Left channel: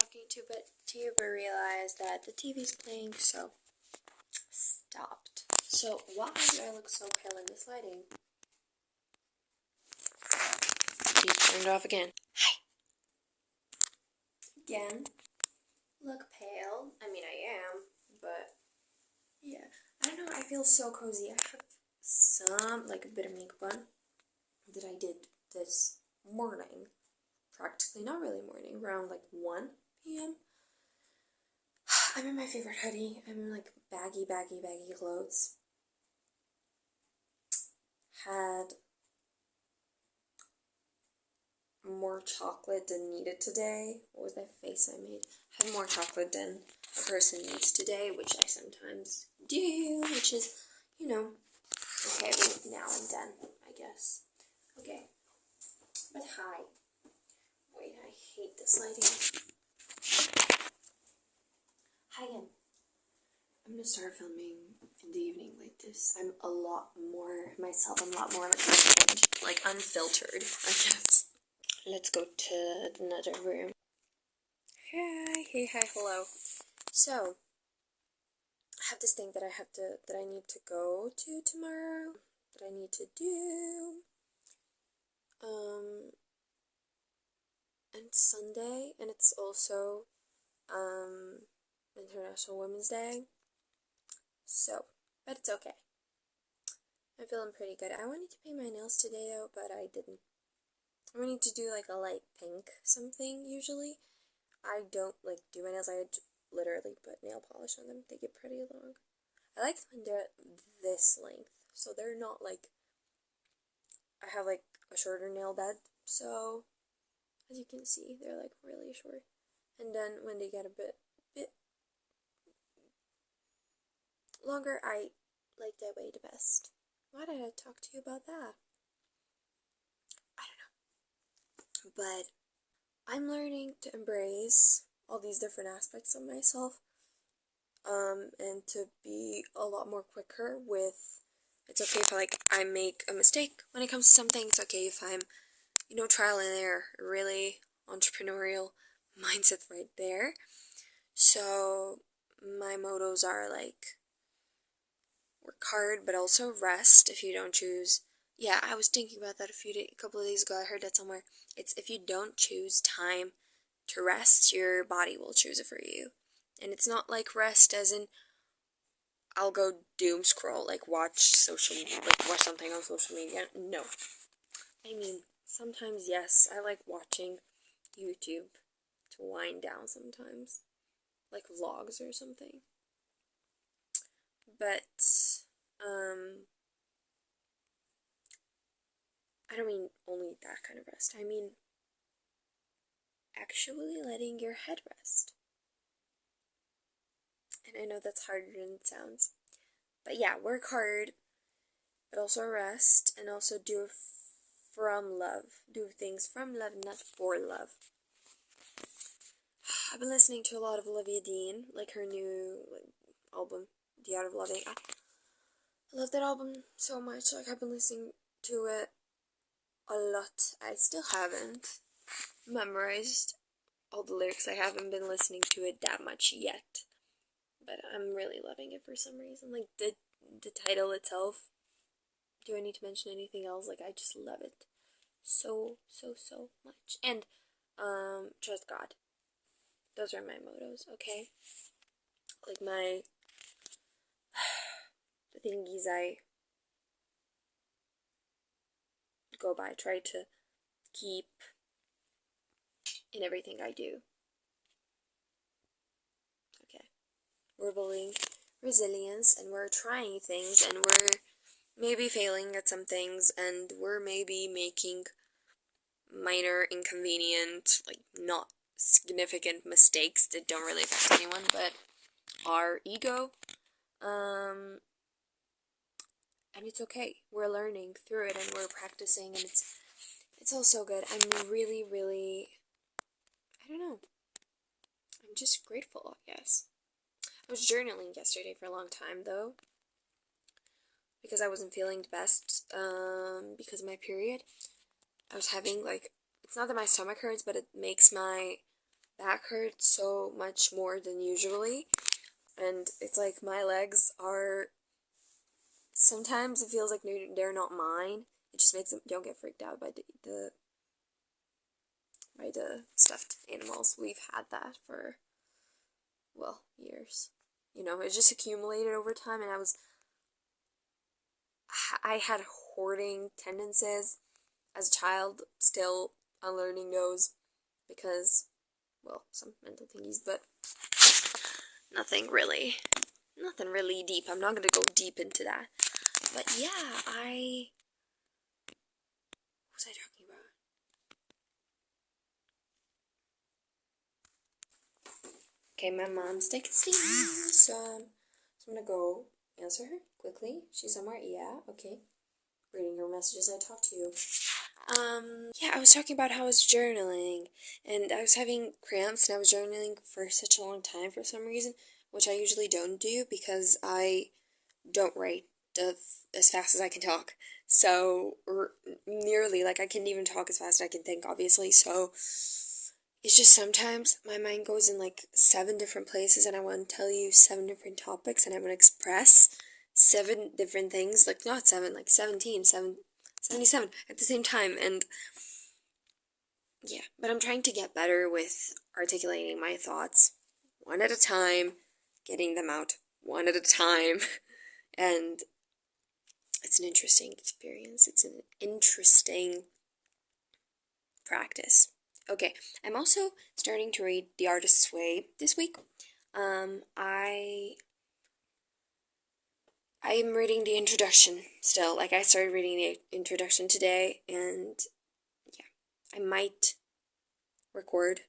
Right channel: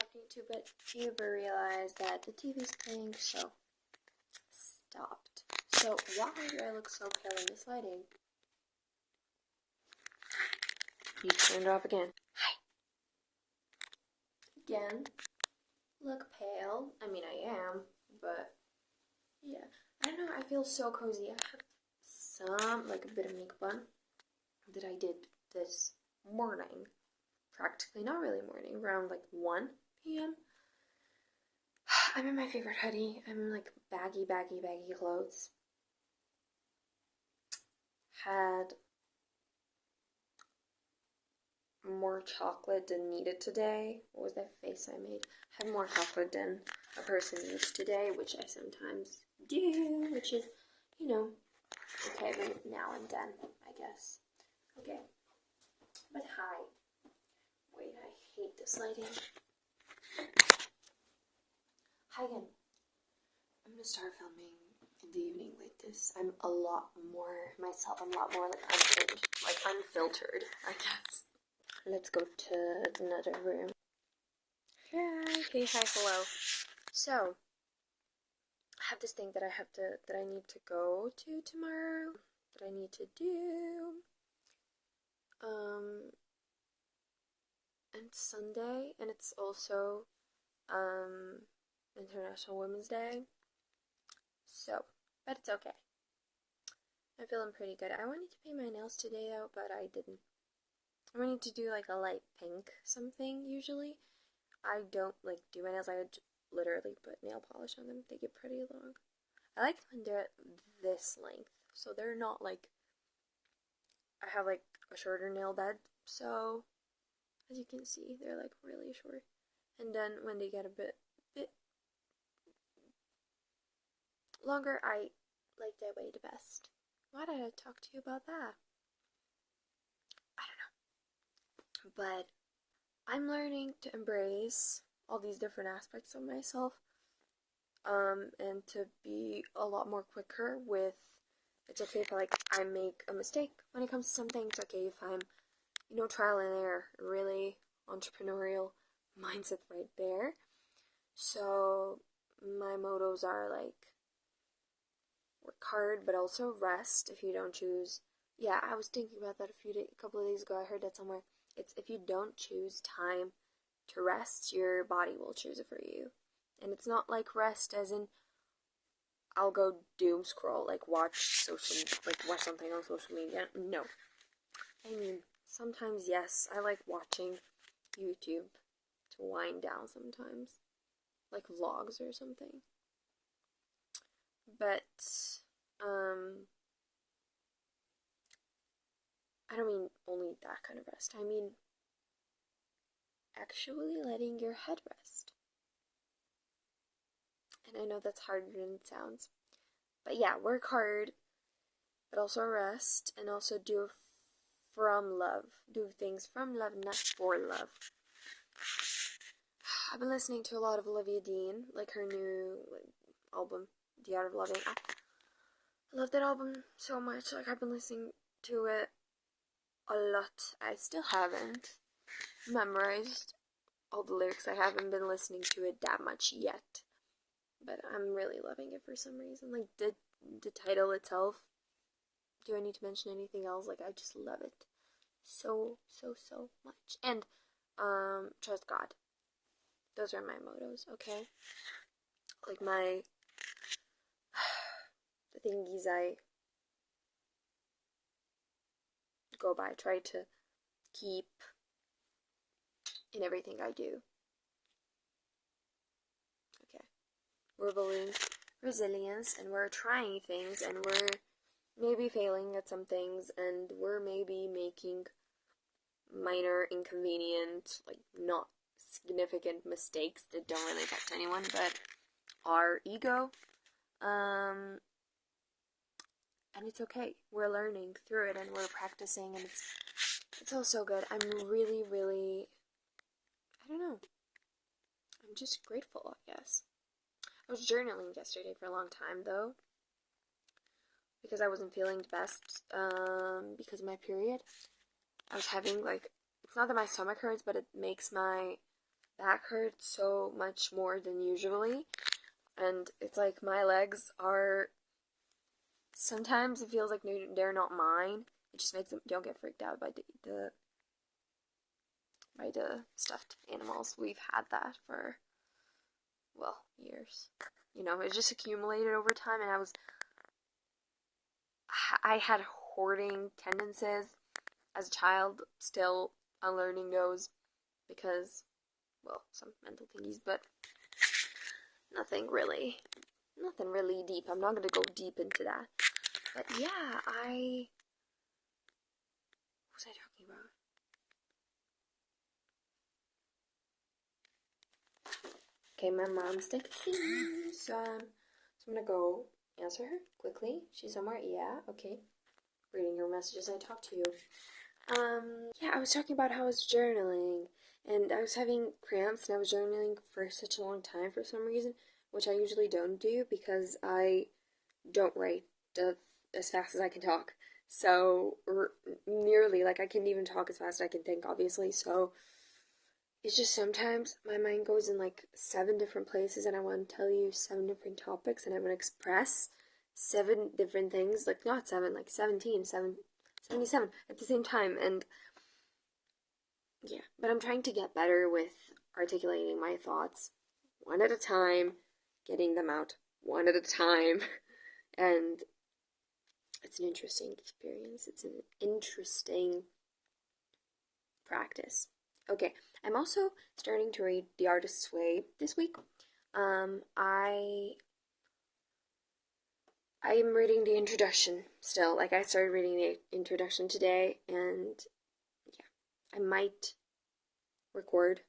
talking to you, but realized that the TV's playing, so stopped. So why do I look so pale in this lighting? TV turned off again. Hi. Again. Look pale. I mean, I am, but yeah. I don't know, I feel so cozy. I have some, like a bit of makeup on that I did this morning. Practically, not really morning, around like 1 p.m. I'm in my favorite hoodie. I'm in like baggy clothes. Had more chocolate than needed today. What was that face I made? Had more chocolate than a person needs today, which I sometimes do, which is, you know, okay, now and then, I guess. Okay. But hi. Wait, I hate this lighting. Hi again. I'm gonna start filming in the evening like this. I'm a lot more myself. I'm a lot more like unfiltered, I guess. Let's go to another room. Hey, hi, hello. So, I have this thing that I need to go to tomorrow. That I need to do. And Sunday, and it's also, International Women's Day. So, but it's okay. I'm feeling pretty good. I wanted to paint my nails today though, but I didn't. I wanted to do like a light pink something usually. I don't like do my nails. I would literally put nail polish on them. They get pretty long. I like when they're this length, so they're not like, I have like a shorter nail bed, so as you can see, they're like really short. And then when they get a bit longer, I like that way the best. Why did I talk to you about that? I don't know. But I'm learning to embrace all these different aspects of myself, and to be a lot more quicker with, it's okay if I make a mistake when it comes to something. It's okay if I'm, trial and error, really entrepreneurial mindset right there. So my mottos are like, work hard, but also rest if you don't choose. Yeah, I was thinking about that a couple of days ago. I heard that somewhere. It's if you don't choose time to rest, your body will choose it for you. And it's not like rest as in I'll go doom scroll, like watch something on social media. No. I mean, sometimes yes, I like watching YouTube to wind down sometimes. Like vlogs or something. But I don't mean only that kind of rest. I mean actually letting your head rest. And I know that's harder than it sounds. But yeah, work hard, but also rest, and also do from love. Do things from love, not for love. I've been listening to a lot of Olivia Dean, like her new album, The Art of Loving. I love that album so much. Like, I've been listening to it a lot. I still haven't memorized all the lyrics. I haven't been listening to it that much yet, but I'm really loving it for some reason. Like the title itself. Do I need to mention anything else? Like, I just love it so much. And trust God. Those are my mottos. Okay, like my the thingies I go by. Try to keep in everything I do. Okay. We're building resilience, and we're trying things, and we're maybe failing at some things, and we're maybe making minor, inconvenient, like not significant mistakes that don't really affect anyone, but our ego. And it's okay. We're learning through it, and we're practicing, and it's all so good. I'm really, I don't know. I'm just grateful, I guess. I was journaling yesterday for a long time, though, because I wasn't feeling the best, because of my period. I was having, like, it's not that my stomach hurts, but it makes my back hurts so much more than usually, and it's like my legs are, sometimes it feels like they're not mine. It just makes them, don't get freaked out by the stuffed animals. We've had that for, well, years. You know, it just accumulated over time, and I had hoarding tendencies as a child, still unlearning those because, well, some mental thingies, but nothing really deep. I'm not gonna go deep into that. But yeah, what was I talking about? Okay, my mom's texting me, so I'm gonna go answer her quickly. She's somewhere, yeah, okay. Reading her messages, I talked to you. Yeah, I was talking about how I was journaling, and I was having cramps, and I was journaling for such a long time for some reason, which I usually don't do because I don't write as fast as I can talk. So, nearly, like, I can't even talk as fast as I can think, obviously, so it's just sometimes my mind goes in like 7 different places, and I want to tell you 7 different topics, and I want to express 7 different things, like not 7, like 17, 77 at the same time, and yeah, but I'm trying to get better with articulating my thoughts one at a time, getting them out one at a time, and it's an interesting experience. It's an interesting practice. Okay, I'm also starting to read The Artist's Way this week. I am reading the introduction still. Like, I started reading the introduction today, and yeah, I might record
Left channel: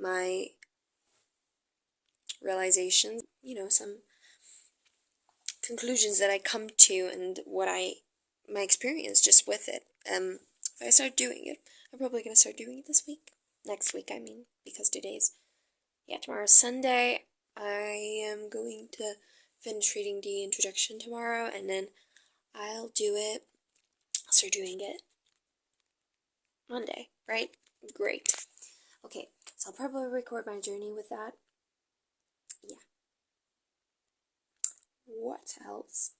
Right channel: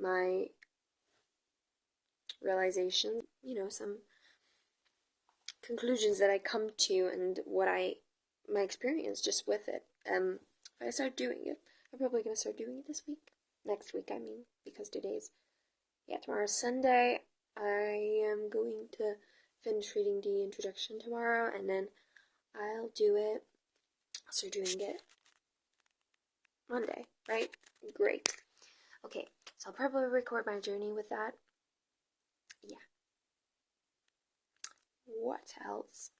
my realizations, you know, some conclusions that I come to, and my experience just with it. If I start doing it, I'm probably gonna start doing it this week. Next week, I mean, because tomorrow's Sunday. I am going to finish reading the introduction tomorrow, and then I'll start doing it Monday, right? Great. Okay, so I'll probably record my journey with that. Yeah. What else?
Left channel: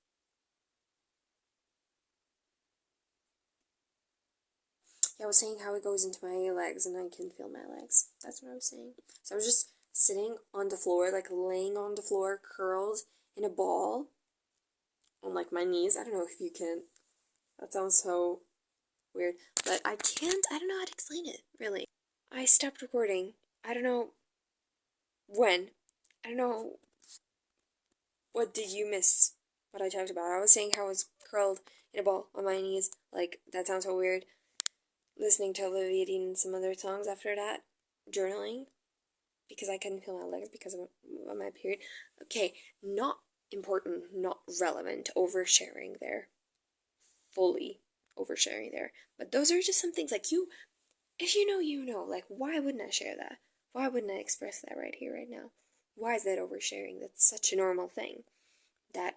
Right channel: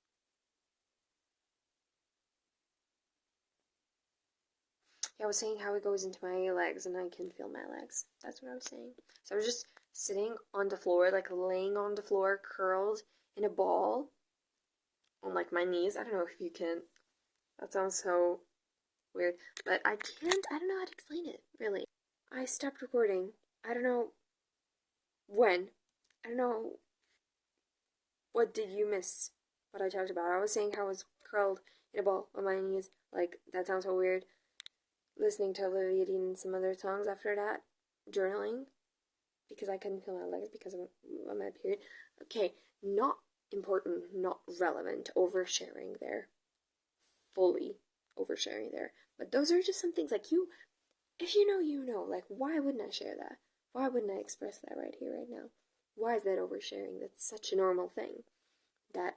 Yeah, I was saying how it goes into my legs, and I can feel my legs. That's what I was saying. So I was just sitting on the floor, like laying on the floor, curled in a ball on like my knees. I don't know if you can. That sounds so weird, but I don't know how to explain it, really. I stopped recording. I don't know when. I don't know, what did you miss what I talked about? I was saying how I was curled in a ball on my knees. Like, that sounds so weird. Listening to Olivia Dean and some other songs after that. Journaling. Because I couldn't feel my legs because of my period. Okay, not important, not relevant. Oversharing there. Fully oversharing there. But those are just some things, like, if you know, you know. Like, why wouldn't I share that? Why wouldn't I express that right here, right now? Why is that oversharing? That's such a normal thing that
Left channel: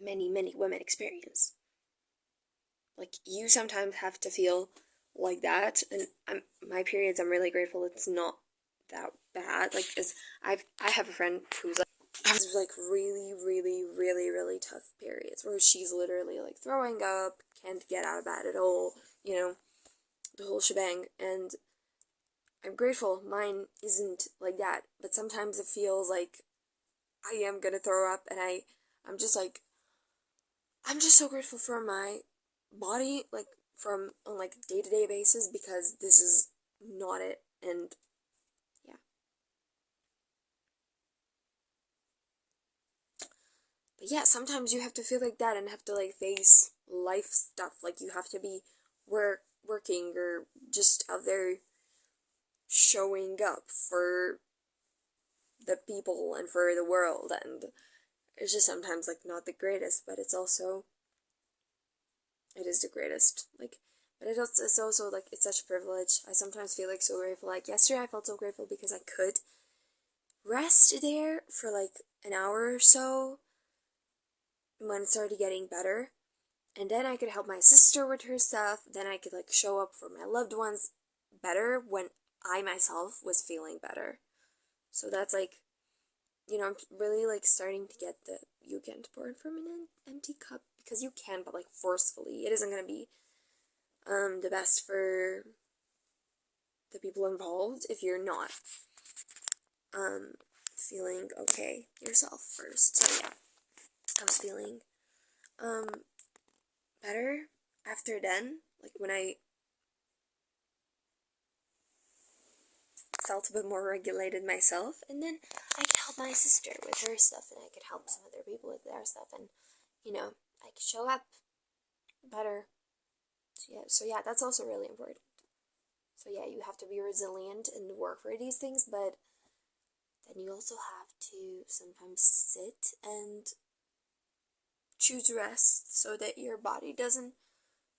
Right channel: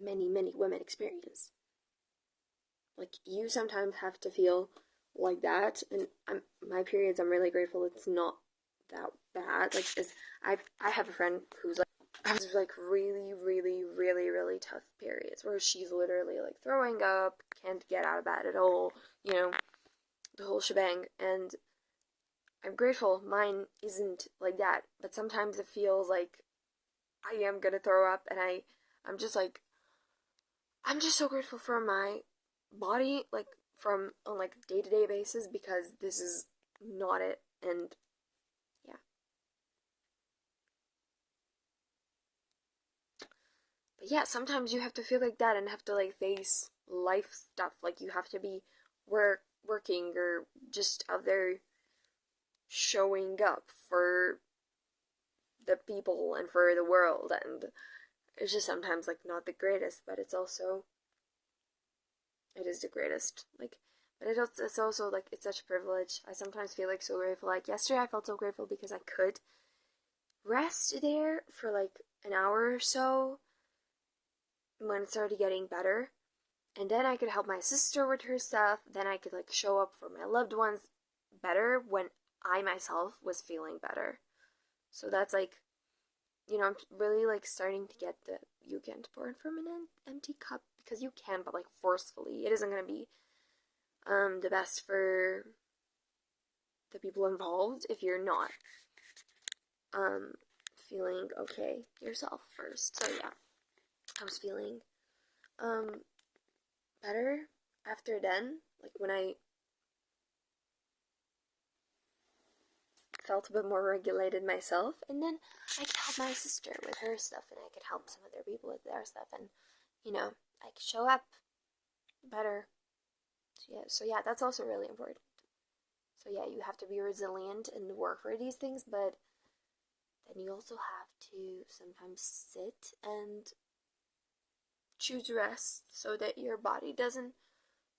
many, many women experience. Like, you sometimes have to feel like that, and my periods, I'm really grateful it's not that bad. Like, I have a friend who's like, has like really, really, really, really tough periods where she's literally like throwing up, can't get out of bed at all, you know, the whole shebang, and I'm grateful mine isn't like that, but sometimes it feels like I am gonna throw up, and I'm just like, I'm just so grateful for my body, like, from on like day-to-day basis, because this is not it. And yeah, but yeah, sometimes you have to feel like that and have to like face life stuff. Like, you have to be working, or just out there showing up for the people and for the world, and it's just sometimes like not the greatest, but it is the greatest. Like, but it's also like, it's such a privilege. I sometimes feel like so grateful. Like, yesterday I felt so grateful because I could rest there for like an hour or so when it started getting better, and then I could help my sister with her stuff. Then I could like show up for my loved ones better when I myself was feeling better. So that's like, I'm really like starting to get that you can't pour from an empty cup, because you can, but like forcefully. It isn't gonna be the best for the people involved if you're not feeling okay yourself first. So yeah, I was feeling better after then, like when I felt a bit more regulated myself, and then I could help my sister with her stuff, and I could help some other people with their stuff, and I could show up better. So yeah, that's also really important. So yeah, you have to be resilient and work for these things, but then you also have to sometimes sit and choose rest so that your body doesn't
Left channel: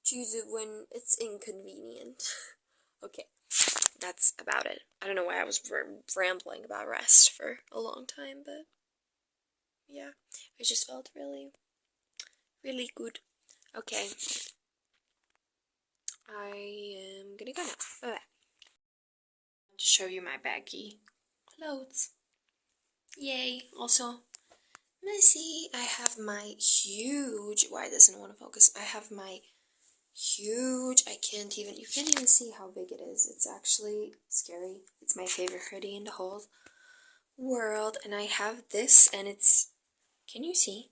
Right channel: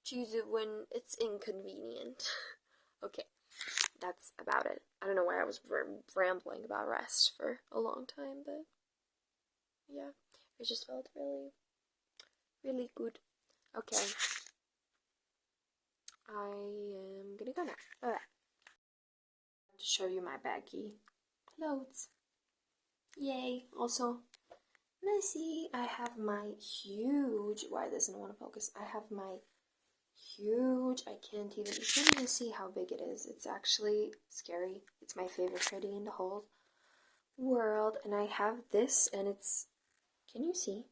choose it when it's inconvenient. Okay, that's about it. I don't know why I was rambling about rest for a long time, but yeah, I just felt really, really good. Okay, I am gonna go now. Bye-bye. To show you my baggy clothes. Yay! Also, messy. I have my huge. Why doesn't it want to focus? I have my huge. You can't even see how big it is. It's actually scary. It's my favorite hoodie in the whole world, and I have this, and it's. Can you see?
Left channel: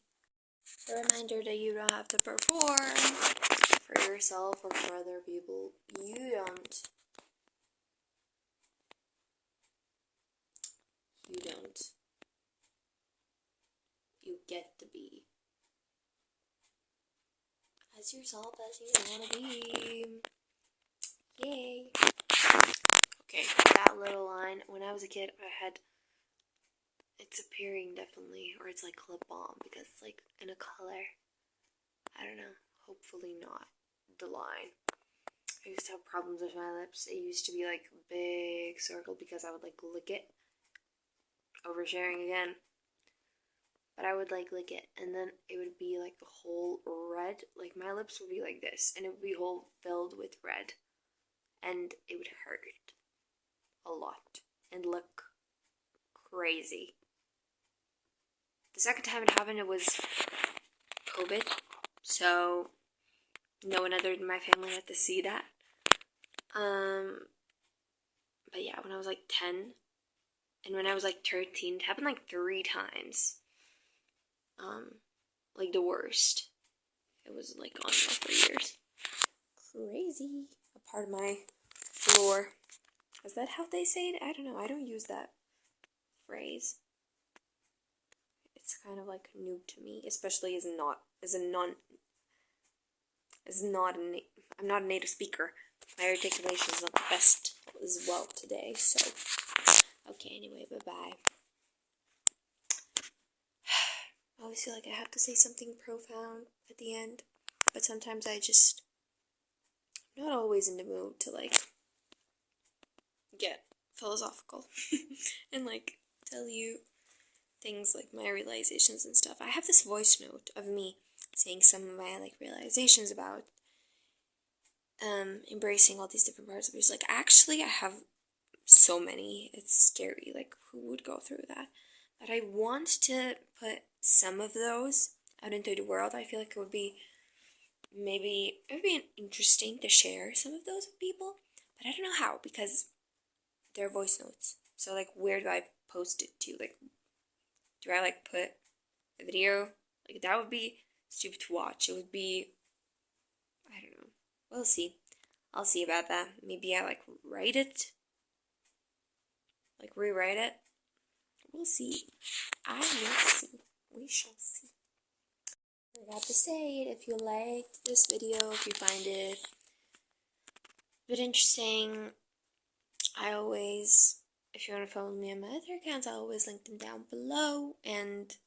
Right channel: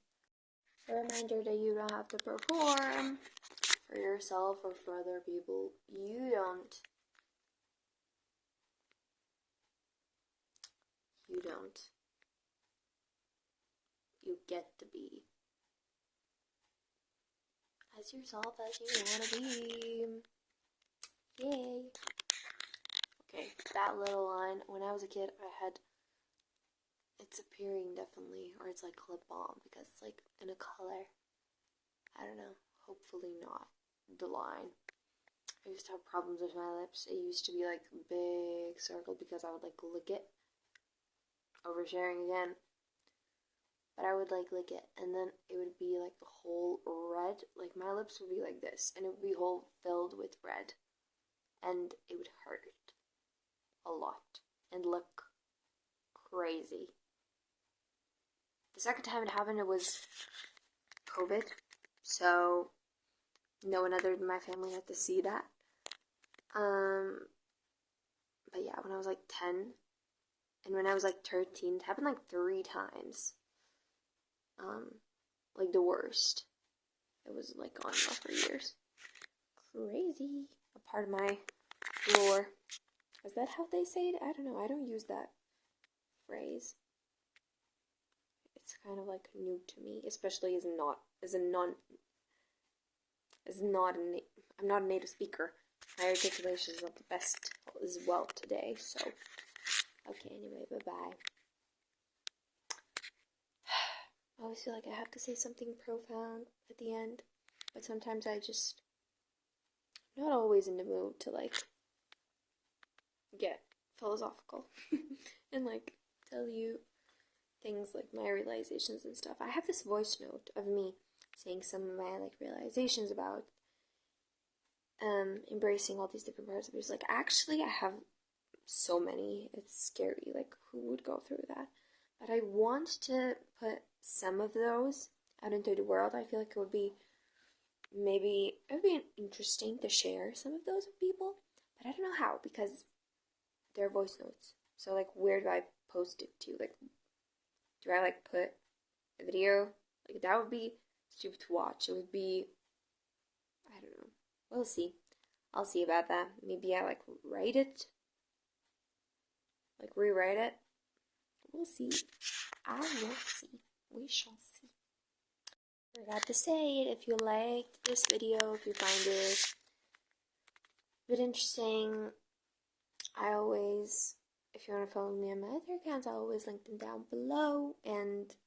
A reminder that you don't have to perform for yourself or for other people. You don't. You get to be as yourself as you want to be. Yay. Okay, that little line. When I was a kid, it's appearing definitely, or it's like lip balm, because it's like in a color. I don't know. Hopefully not the line. I used to have problems with my lips. It used to be like a big circle because I would like lick it. Oversharing again. But I would like lick it, and then it would be like a whole red. Like my lips would be like this, and it would be whole filled with red. And it would hurt a lot and look crazy. The second time it happened, it was COVID, so no one other than my family had to see that. But yeah, when I was like 10, and when I was like 13, it happened like 3 times. Like the worst. It was like on and off for years. Crazy. A part of my floor. Is that how they say it? I don't know. I don't use that phrase. It's kind of like new to me, especially I'm not a native speaker. My articulation is not the best as well today, so okay, anyway, bye-bye. I always feel like I have to say something profound at the end, but sometimes I'm not always in the mood to like get philosophical and like tell you things like my realizations and stuff. I have this voice note of me saying some of my like realizations about embracing all these different parts of it. Like actually I have so many. It's scary. Like who would go through that? But I want to put some of those out into the world. I feel like it would be interesting to share some of those with people, but I don't know how, because they're voice notes. So like where do I post it to? Like do I like put a video? Like that would be stupid to watch. It would be, I don't know. We'll see. I'll see about that. Maybe I like write it. Like rewrite it. We'll see. I will see. We shall see. Forgot to say it. If you liked this video, if you find it a bit interesting, if you want to follow me on my other accounts, I'll always link them down below. And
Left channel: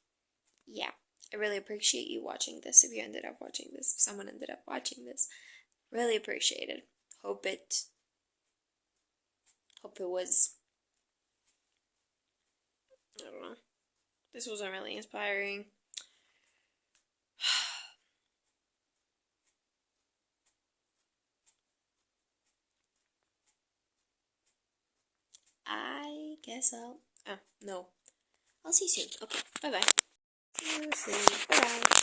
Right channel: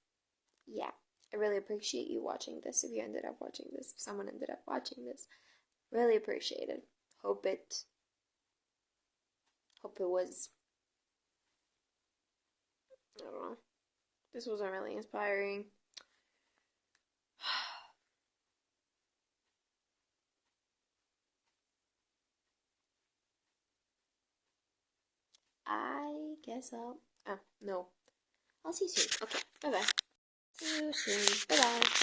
yeah, I really appreciate you watching this. If you ended up watching this, if someone ended up watching this, really appreciate it. Hope it was, I don't know. This wasn't really inspiring. I guess no. I'll see you soon. Okay, bye bye. See you soon. Bye bye.